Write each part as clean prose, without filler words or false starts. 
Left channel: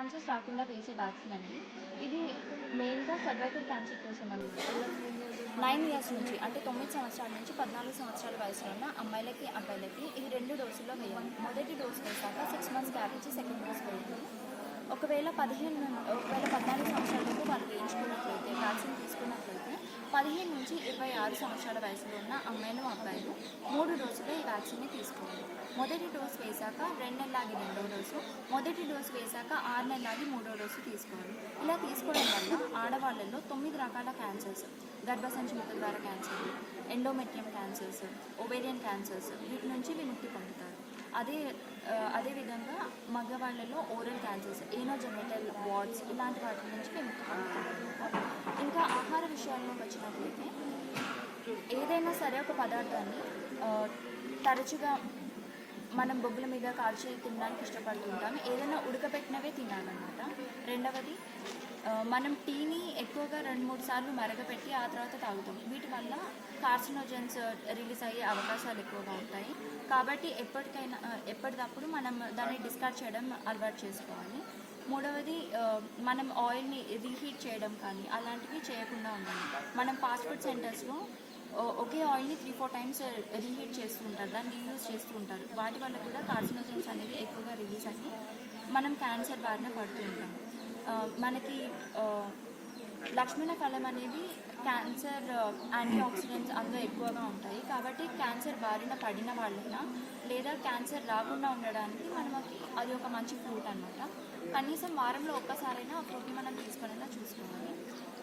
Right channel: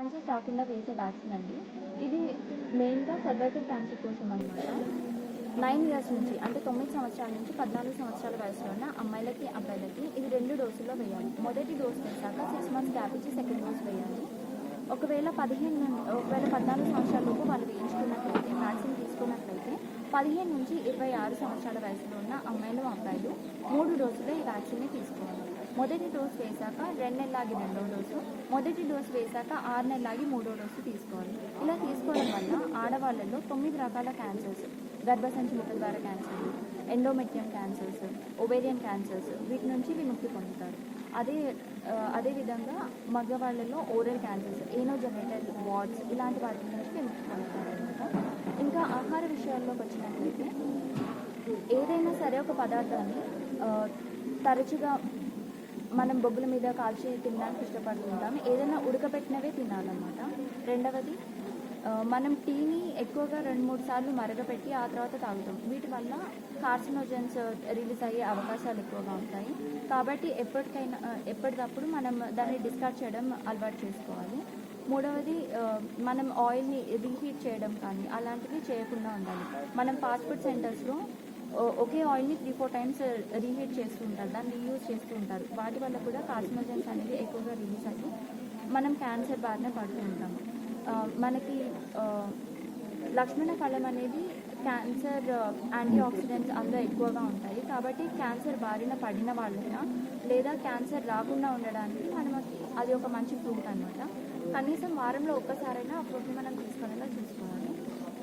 Cancers రాకుండా వేసే vaccine అండి. ఇది మెయిన్‌గా సర్వైకల్ క్యాన్సర్ కోసం అనమాట. 9 ఇయర్స్ నుంచి అంటే 9 సంవత్సరాల నుంచి 14 సంవత్సరాల వయసులో ఉన్న అమ్మాయిలకి, అబ్బాయిలకి ఇది 2 డోసుల్లో వేయాలి. మొదటి డోస్ వేశాక 6 మంత్స్ గ్యాప్ ఇచ్చి సెకండ్ డోస్ వేయాలి. ఒకవేళ 14 సంవత్సరాలలోపు వాళ్ళు వేయించుకున్నట్లయితే, వ్యాక్సిన్ తీసుకున్నట్లయితే 15 నుంచి 26 సంవత్సరాల వయసులో ఉన్న అమ్మాయిలు, అబ్బాయిలు 3 డోసులు ఈ వ్యాక్సిన్ని తీసుకోవాలి. మొదటి డోస్ వేశాక 2 నెలలాగి రెండో డోసు, మొదటి డోసు వేశాక 6 నెలలాగి మూడో డోసు తీసుకోవాలి. ఇలా తీసుకోవడం వల్ల ఆడవాళ్ళల్లో 9 రకాల క్యాన్సర్స్, గర్భసంచి ముఖద్వార క్యాన్సర్లు, ఎండోమెట్రియం క్యాన్సర్స్, ఓవేరియన్ క్యాన్సర్స్ వీటి నుంచి విముక్తి పొందుతారు. అదేవిధంగా మగవాళ్ళలో ఓరల్ క్యాన్సర్స్, ఏనోజెనిటల్ వార్డ్స్ ఇలాంటి వాటి నుంచి విముక్తి పొందుతారు అనమాట. ఇంకా ఆహార విషయాల్లోకి వచ్చినట్లయితే ఏదైనా సరే ఒక పదార్థాన్ని తరచుగా మనం బొగ్గుల మీద కాల్చి తినడానికి ఇష్టపడుతుంటాము. ఏదైనా ఉడకబెట్టినవే తినాలన్నమాట. రెండవది, మనం టీని ఎక్కువగా 2-3 సార్లు మరగపెట్టి ఆ తర్వాత తాగుతాం. వీటి వల్ల కార్సినోజన్స్ రిలీజ్ అయ్యే అవకాశాలు ఎక్కువగా ఉంటాయి. కాబట్టి ఎప్పటికప్పుడు మనం దాన్ని డిస్కార్డ్ చేయడం అలవాటు చేసుకోవాలి. మూడవది, మనం ఆయిల్ని రీహీట్ చేయడం కానీ అలాంటివి చేయకుండా ఉండాలి. మనం ఫాస్ట్ ఫుడ్ సెంటర్స్లో ఒకే ఆయిల్ని 3-4 టైమ్స్ రీహీట్ చేస్తూ ఉంటారు, దాన్ని రీయూజ్ చేస్తూ ఉంటారు. వాటి వల్ల కూడా కార్సినోజన్స్ అనేవి ఎక్కువగా రిలీజ్ అయ్యి మనం క్యాన్సర్ బారిన పడుతూ ఉంటాము. మనకి లక్ష్మణ ఫలం అనేది క్యాన్సర్ యాంటీ ఆక్సిడెంట్స్ అందులో ఎక్కువగా ఉంటాయి. కాబట్టి క్యాన్సర్ బారిన పడిన వాళ్ళైనా లేదా క్యాన్సర్ రాకుండా ఉండడానికి మనకి అది ఒక మంచి ఫ్రూట్ అనమాట. కనీసం వారంలో ఒక్కసారైనా ఆ ఫ్రూట్ని మనం తీసుకునేలా చూసుకోవాలి.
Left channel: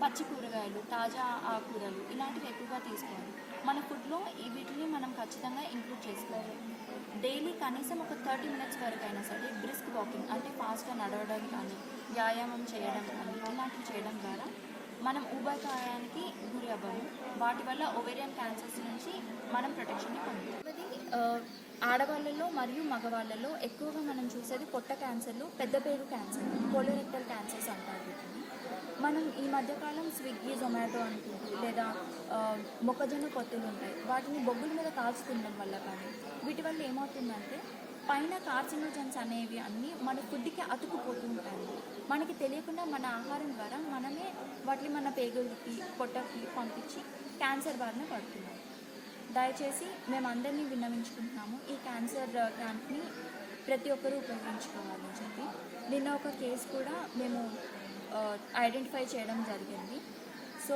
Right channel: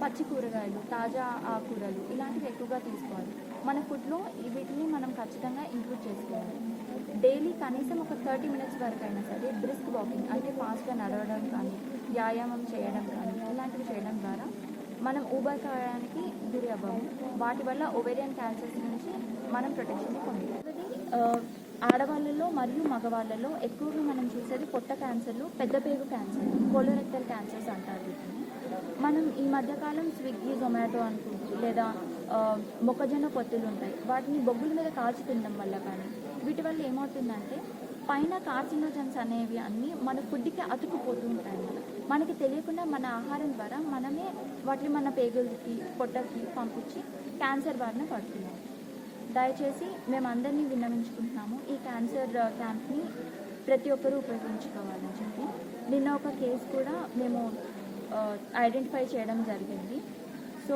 పచ్చి కూరగాయలు, తాజా ఆకుకూరలు ఇలాంటివి ఎక్కువగా తీసుకోవాలి. మన ఫుడ్లో వీటిని మనం ఖచ్చితంగా ఇంక్లూడ్ చేసుకోవాలి. డైలీ కనీసం ఒక 30 మినిట్స్ వరకు అయినా సరే బ్రిస్క్ వాకింగ్ అంటే ఫాస్ట్గా నడవడం కానీ, వ్యాయామం చేయడం కానీ ఇలాంటివి చేయడం ద్వారా మనం ఊబకాయానికి గురి అవ్వము. వాటి వల్ల ఓవేరియన్ క్యాన్సర్స్ నుంచి మనం ప్రొటెక్షన్ని పొందుతాం. ఆడవాళ్ళలో మరియు మగవాళ్ళలో ఎక్కువగా మనం చూసేది పొట్ట క్యాన్సర్లు, పెద్ద పేగు క్యాన్సర్, కోలోరెక్టల్ క్యాన్సర్స్ అంటారు వీటిని. మనం ఈ మధ్యకాలం స్విగ్గీ, జొమాటో అనుకుంటూ లేదా మొక్కజొన్న పొత్తులు ఉంటాయి, వాటిని బొగ్గుల మీద కాల్చి తినడం వల్ల కానీ వీటి వల్ల ఏమవుతుందంటే పైన కార్సినోజన్స్ అనేవి అన్నీ మన ఫుడ్కి అతుకుపోతూ ఉంటాయి అన్నమాట. మనకి తెలియకుండా మన ఆహారం ద్వారా మనమే వాటిని మన పేగులకి, పొట్టకి పంపించి క్యాన్సర్ బారిన పడుతున్నాము. దయచేసి మేము అందరినీ విన్నవించుకుంటున్నాము, ఈ క్యాన్సర్ క్యాంప్ని ప్రతి ఒక్కరూ ఉపయోగించుకోవాలని చెప్పి. నిన్న ఒక కేసు కూడా మేము ఐడెంటిఫై చేయడం జరిగింది. సో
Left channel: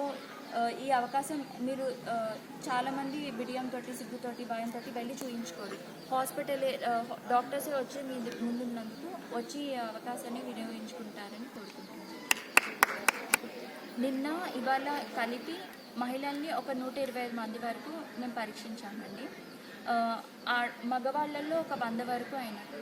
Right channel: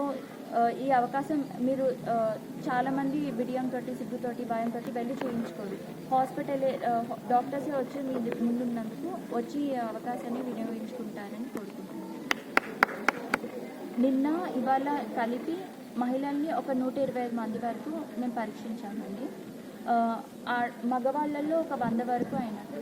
ఈ అవకాశం మీరు చాలామంది బిడియంతో, సిగ్గుతోటి, భయంతో వెళ్ళి చూయించుకోరు. డాక్టర్సే వచ్చి మీ ముందున్నందుకు వచ్చి ఈ అవకాశాన్ని వినియోగించుకుంటారని కోరుకుంటున్నాను. నిన్న ఇవాళ కలిపి మహిళల్ని ఒక 125 మంది వరకు మేము పరీక్షించామండి. మగవాళ్ళల్లో ఒక 100 వరకు అయినట్టు.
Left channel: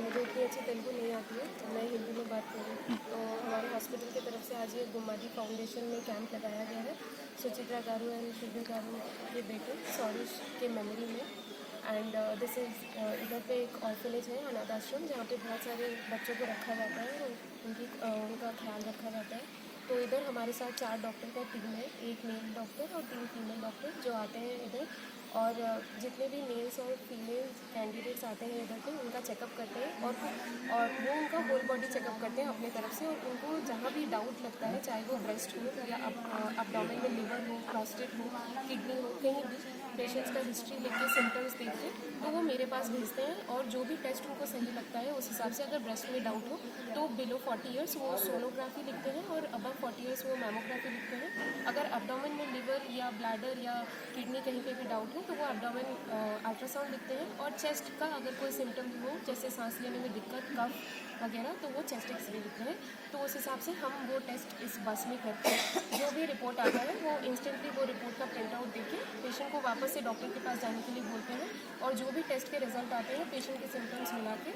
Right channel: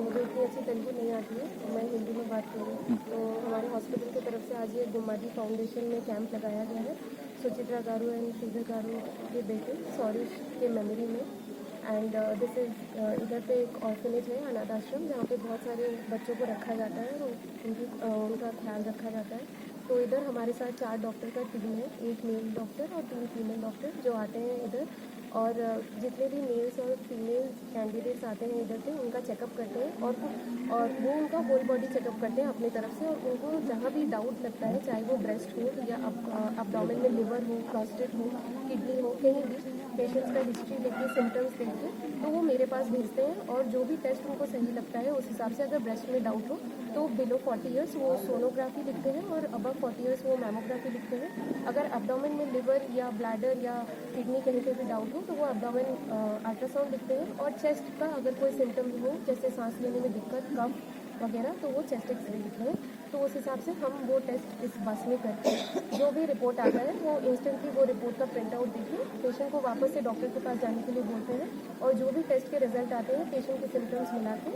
मुझे इतनी अच्छी तेलुगु नहीं आती है, तो मैं हिंदी में बात करूँ। तो हमारे हॉस्पिटल की तरफ से आज ये गुम्मादी फाउंडेशन में कैंप लगाया गया है सुचित्रा गारू एंड श्रीधर गारू के बेटे सौरिश के मेमोरी में। एंड दिस इज़ इधर पे एक ऑर्फनेज है, अनाथ आश्रम, जहाँ पे बहुत सारे बच्चों को रखा जाता है और उनका ख्याल रखा जाता है। तो इधर हमारे साथ 4 डॉक्टर का टीम है, 1 मेल डॉक्टर और 3 फीमेल डॉक्टर जो आते हैं इधर, और जितने भी मेल्स और फीमेल कैंडिडेट्स आते हैं इधर पे उनका चेकअप करते हैं और वो उनका होल बॉडी चेकअप करते हैं अपनी तरफ से। और उनको जहाँ भी डाउट लगता है, चाहे वो ब्रेस्ट हो या अब्डोमेन में लिवर हो, प्रोस्टेट हो, किडनी हो, कहीं भी पेशेंट्स का हिस्ट्री लेके सिम्टम्स देख के तो वो मेरे पास भेजते हैं। और जो भी टेस्ट उनको सही लगता है उस हिसाब से, अगर ब्रेस्ट में डाउट हो तो बिलो 40 ईयर्स वो सोनोग्राफी लिखते हैं और अबव 40 ईयर्स वो मैमोग्राफी लिखते हैं। अगर एब्डोमेन में लिवर या ब्लैडर या किडनी कहीं पे भी डाउट हो तो वो एब्डोमेन अल्ट्रासाउंड लिखते हैं। और चेस्ट का अगर कोई सिम्टम्स हो, जैसे सांस लेने में दिक्कत, कफ वगैरह, तो वो चेस्ट एक्सरे लिखते हैं। तो उस हिसाब से हम वो टेस्ट इस बस में करते हैं। जो भी रिपोर्ट आता है वो इंस्टेंटली वो रिपोर्ट का प्रिंट आउट देके पेशेंट को वापस से डॉक्टर के पास जाने के लिए बोलते हैं। और जो भी टेस्ट के रिजल्ट आते हैं पेशेंट के सिम्टम्स मिला के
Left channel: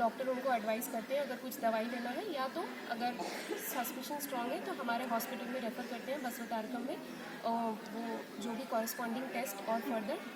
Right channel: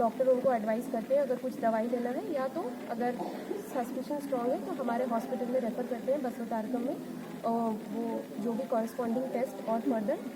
डॉक्टर उनको एडवाइस करते हैं अगर कुछ दवाई लेना है, या तो अगर सस्पिशन स्ट्रॉन्ग है तो हमारे हॉस्पिटल में रेफ़र करते हैं बसवतारकम में, वो जो भी कॉरस्पॉन्डिंग टेस्ट और फर्दर